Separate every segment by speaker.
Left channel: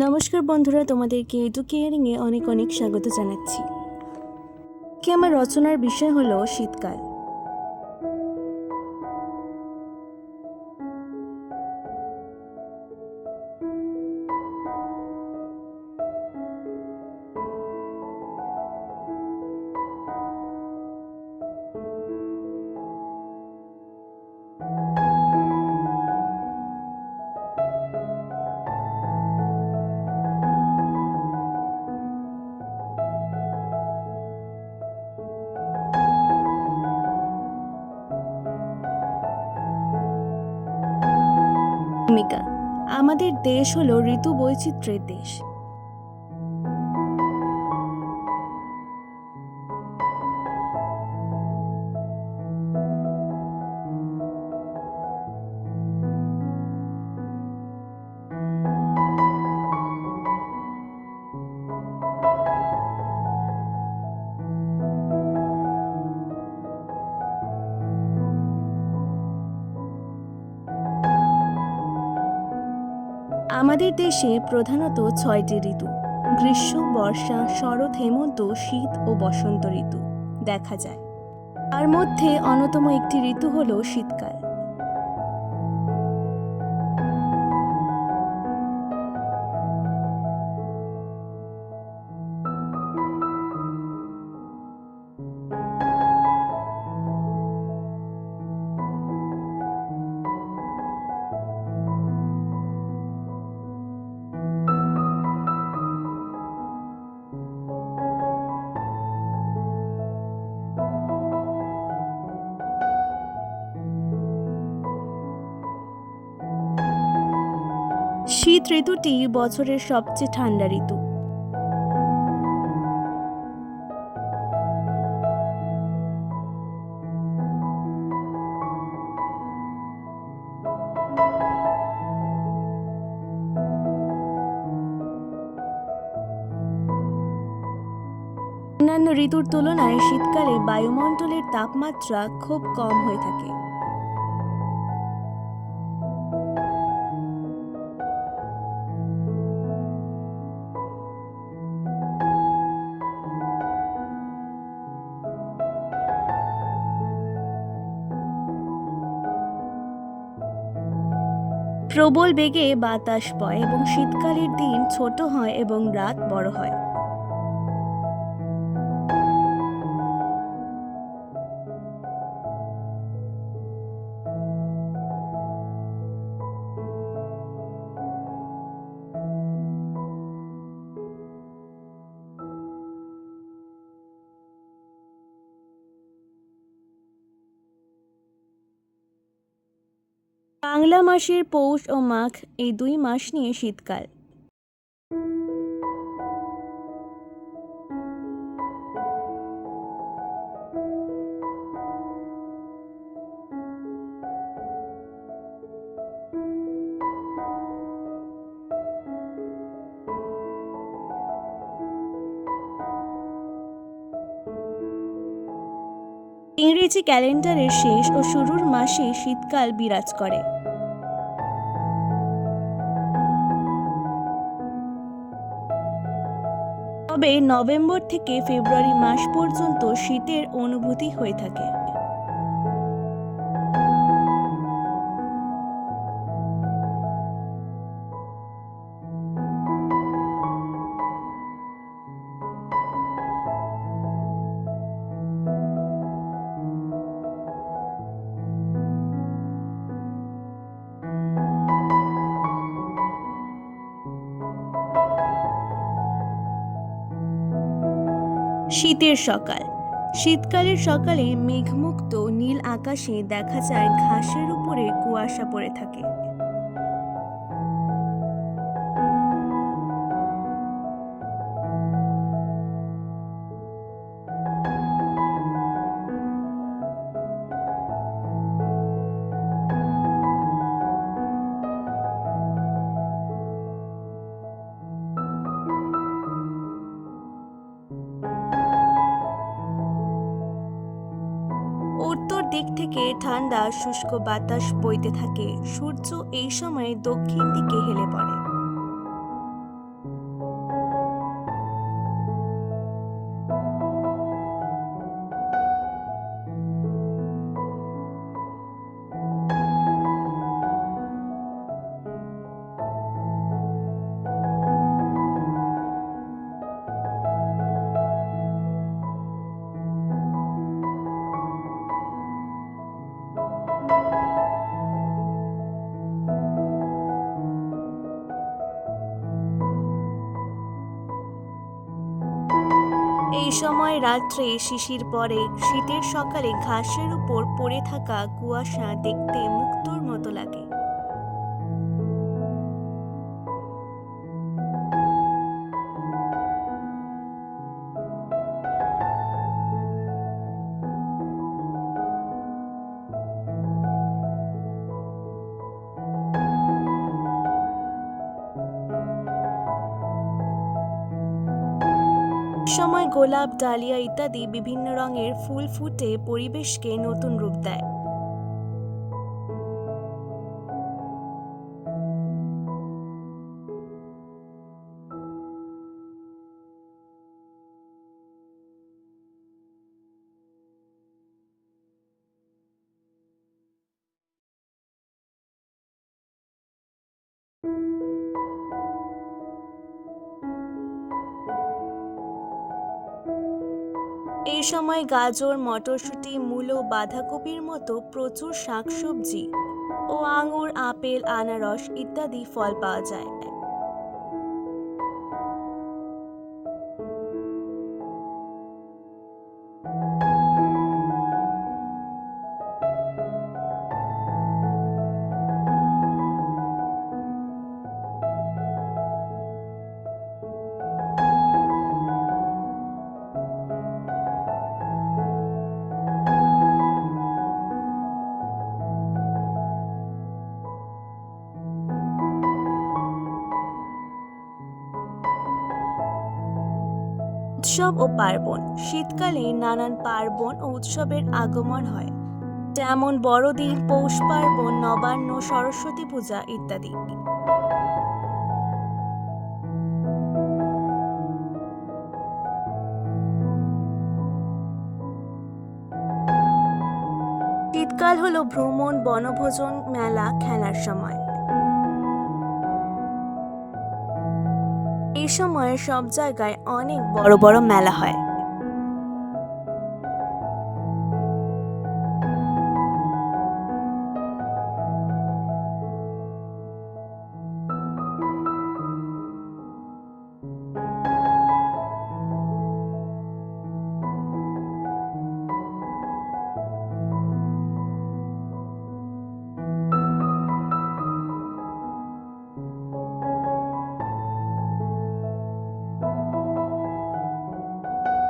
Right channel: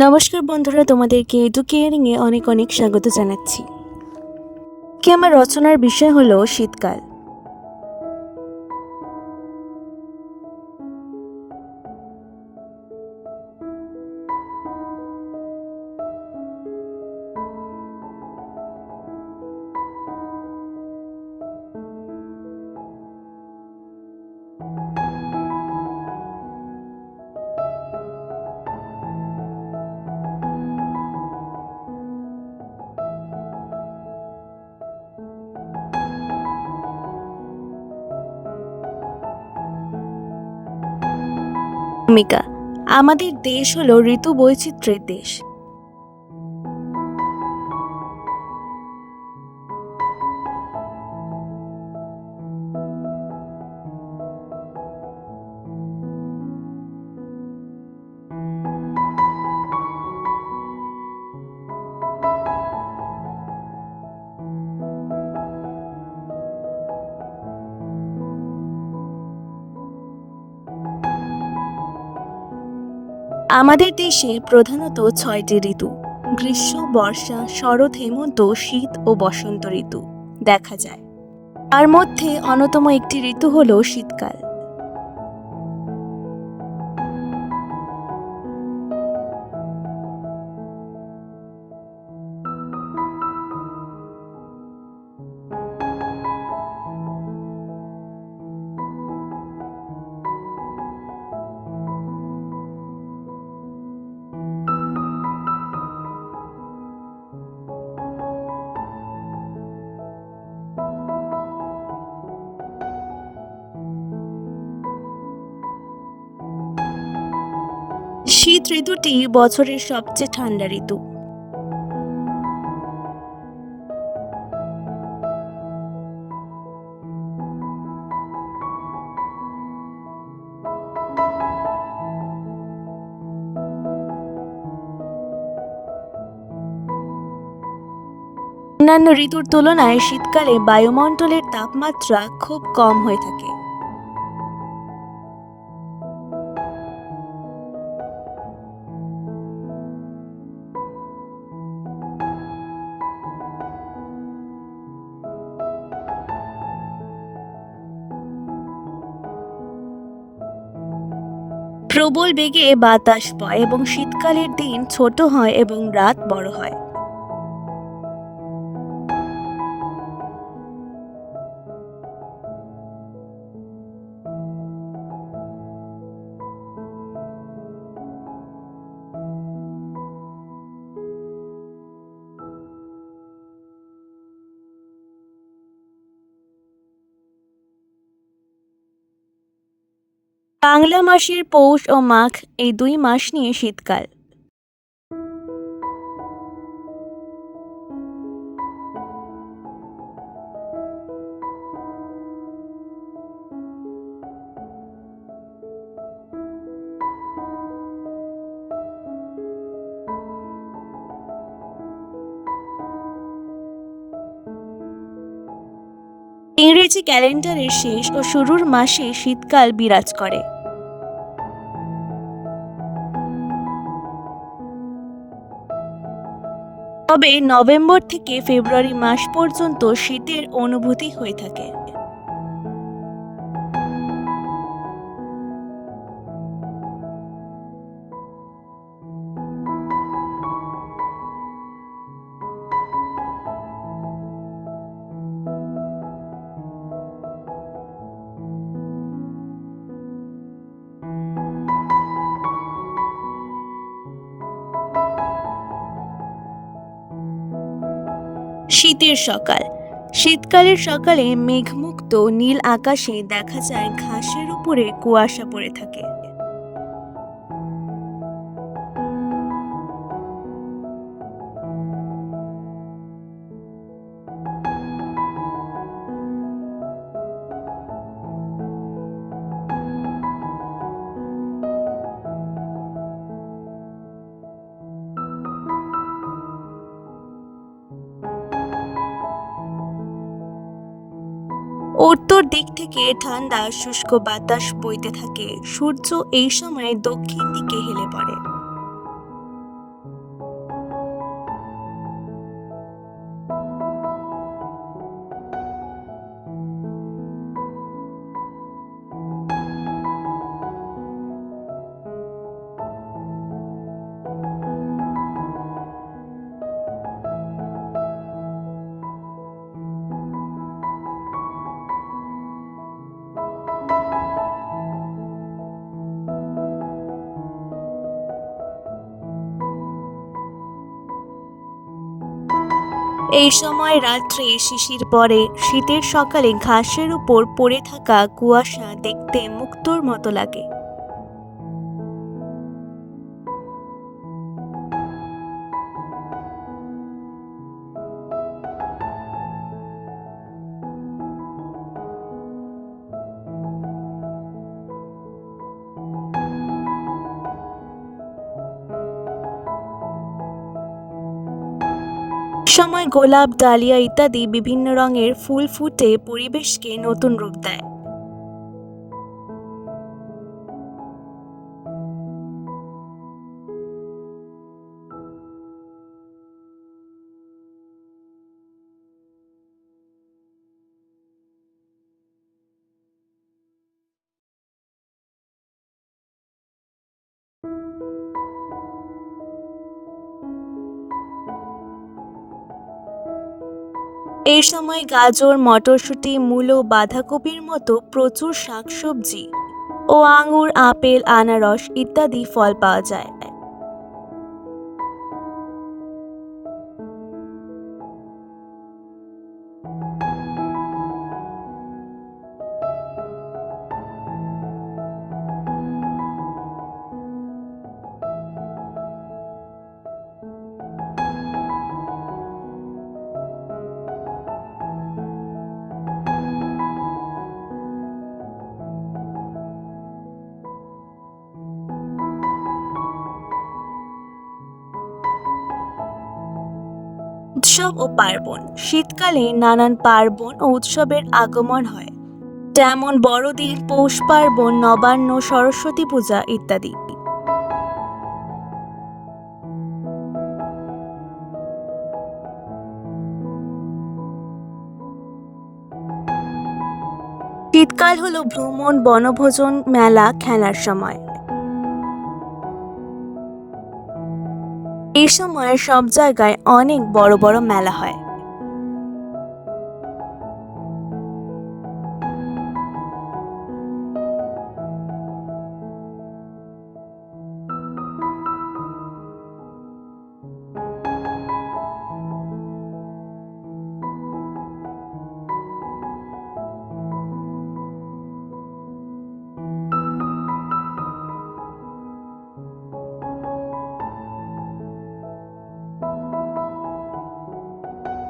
Speaker 1: নমস্কার বন্ধুরা, তোমাদেরকে এডু এ অনেক অনেক স্বাগত জানাচ্ছি। কি আমার রচনার বিষয় হলো শীতকাল? ভূমিকা। আমাদের দেশ হলো ঋতু বৈচিত্র্যের দেশ। আমাদের দেশে প্রধানত ছয়টি ঋতু, গ্রীষ্ম, বর্ষা, শরৎ, হেমন্ত, শীত ও বসন্ত ঋতু, দেখা যায়। তার মধ্যে অন্যতম একটি ঋতু হল শীতকাল। শীত ঋতুটি বছরের সবচেয়ে ঠান্ডা ঋতু। অন্যান্য ঋতুর তুলনায় শীতকালে বায়ুমণ্ডলের তাপমাত্রা খুব কম হয়ে থাকে। প্রবল বেগে বাতাস বয় এবং শীতকালের দিন ছোট হয় এবং রাত বড় হয়। বাংলা মাসের পৌষ ও মাঘ এই দুই মাস নিয়ে শীতকাল। ইংরেজি ক্যালেন্ডারের শেষ ও শুরুর মাসে শীতকাল বিরাজ করে। তবে নভেম্বর থেকে ফেব্রুয়ারি মাস পর্যন্ত শীতের অনুভূতি হয়ে থাকে। শীতের সকাল। শীতকালের সকালে মেঘমুক্ত নীল আকাশে দেখা যায় ঘাসের উপরে কুয়াশা পড়ে থাকে। উত্তর দিক থেকে ঠান্ডা, শুষ্ক বাতাস বইতে থাকে। সূর্য এই সময় দক্ষিণ দিকে হেলে পড়ে। এই সময় রাত্রে শিশির পরে শীতের সকালে ঘাসের উপর পড়ে থাকা কুয়াশা দেখতে মুক্তোর মতো লাগে। সময় গোলাপ ডালিয়া ইত্যাদি বিভিন্ন রঙের ফুল ফুটে পরিবেশকে নতুন রূপ দেয়। এই সময় গাজর, মটরশুঁটি, মূলো, বাঁধাকপির মতো প্রচুর শাকসবজি ও আঙুর, আপেল, আনারস ইত্যাদি ফল পাওয়া যায়। উৎসব ও পার্বণ। শীতকালে নানান পার্বণ ও উৎসবের আগমন হয়। যেমন বড়দিন, পৌষ পার্বণ, নবান্ন, সরস্বতী পূজা ইত্যাদি। শীতকাল হলো ভ্রমণ, বনভোজন, মেলা, খেলার সময়। এই সময় সব জায়গায় অনেক বড় বড় মেলা হয়।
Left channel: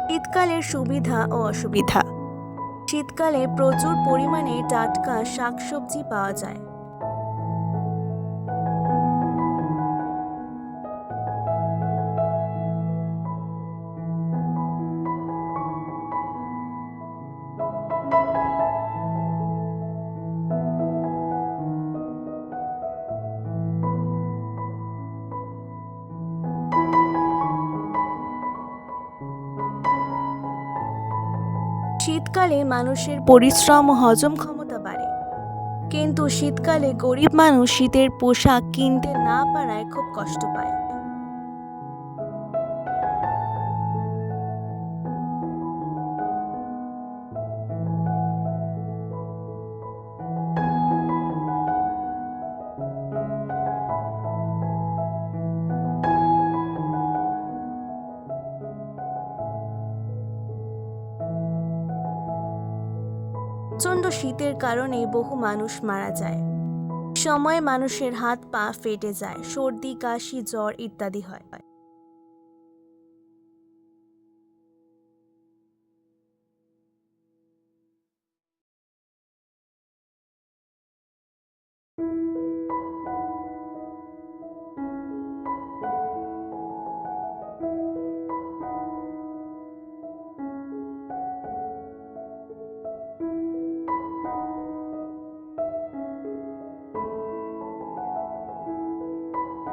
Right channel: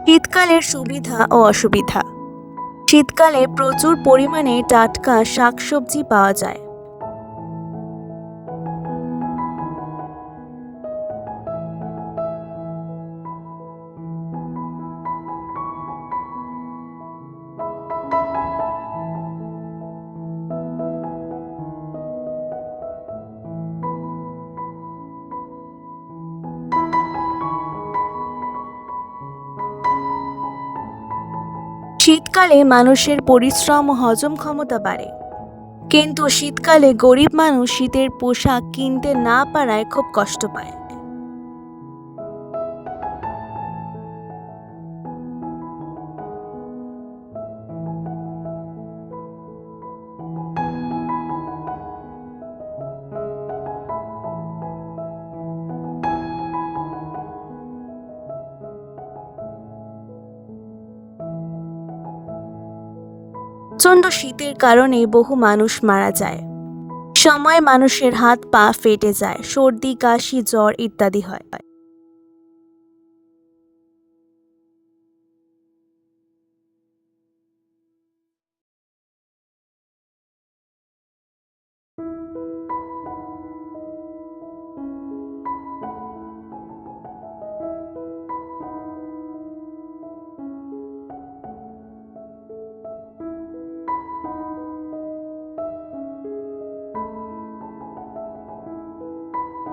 Speaker 1: শীতকালের সুবিধা ও অসুবিধা। শীতকালে প্রচুর পরিমাণে টাটকা শাকসবজি পাওয়া যায়। শীতকালে মানুষের পরিশ্রম ও হজম ক্ষমতা বাড়ে। কিন্তু শীতকালে গরিব মানুষ শীতের পোশাক কিনতে না পারায় খুব কষ্ট পায়। প্রচণ্ড শীতের কারণে বহু মানুষ মারা যায়। সময় মানুষের হাত পা ফেটে যায়, সর্দি, কাশি, জ্বর ইত্যাদি হয়।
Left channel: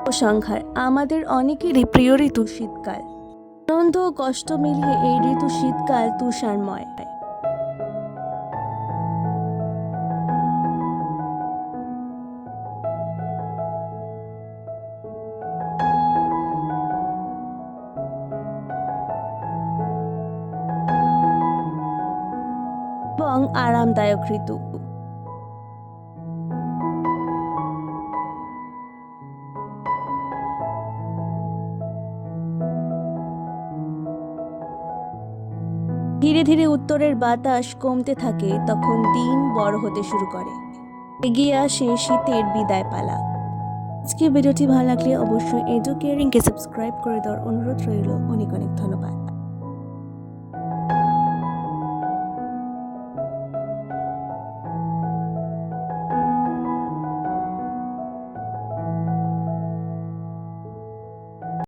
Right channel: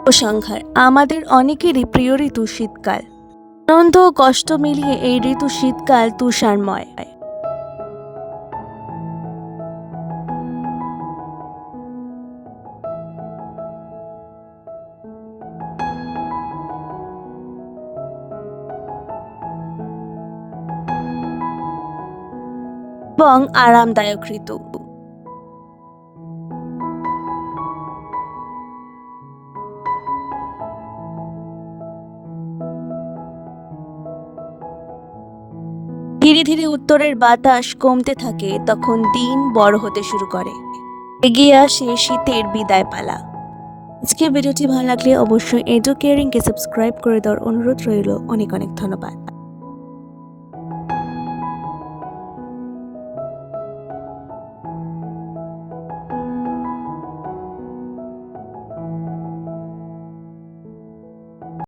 Speaker 1: উপসংহার। আমাদের অনেকেরই প্রিয় ঋতু শীতকাল। আনন্দ ও কষ্ট মিলিয়ে এই ঋতু শীতকাল তুষারময়। এবং আরামদায়ক ঋতু। ধীরে উত্তরের বাতাস কমতে থাকে, তখন দিন বড় হতে শুরু করে। এগিয়ে আসে শীতের বিদায় পালা। আজকের ভিডিওটি ভালো লাগলে অবশ্যই এডু কেয়ারিংকে সাবস্ক্রাইব করে দেওয়ার অনুরোধ রইল। অনেক অনেক ধন্যবাদ।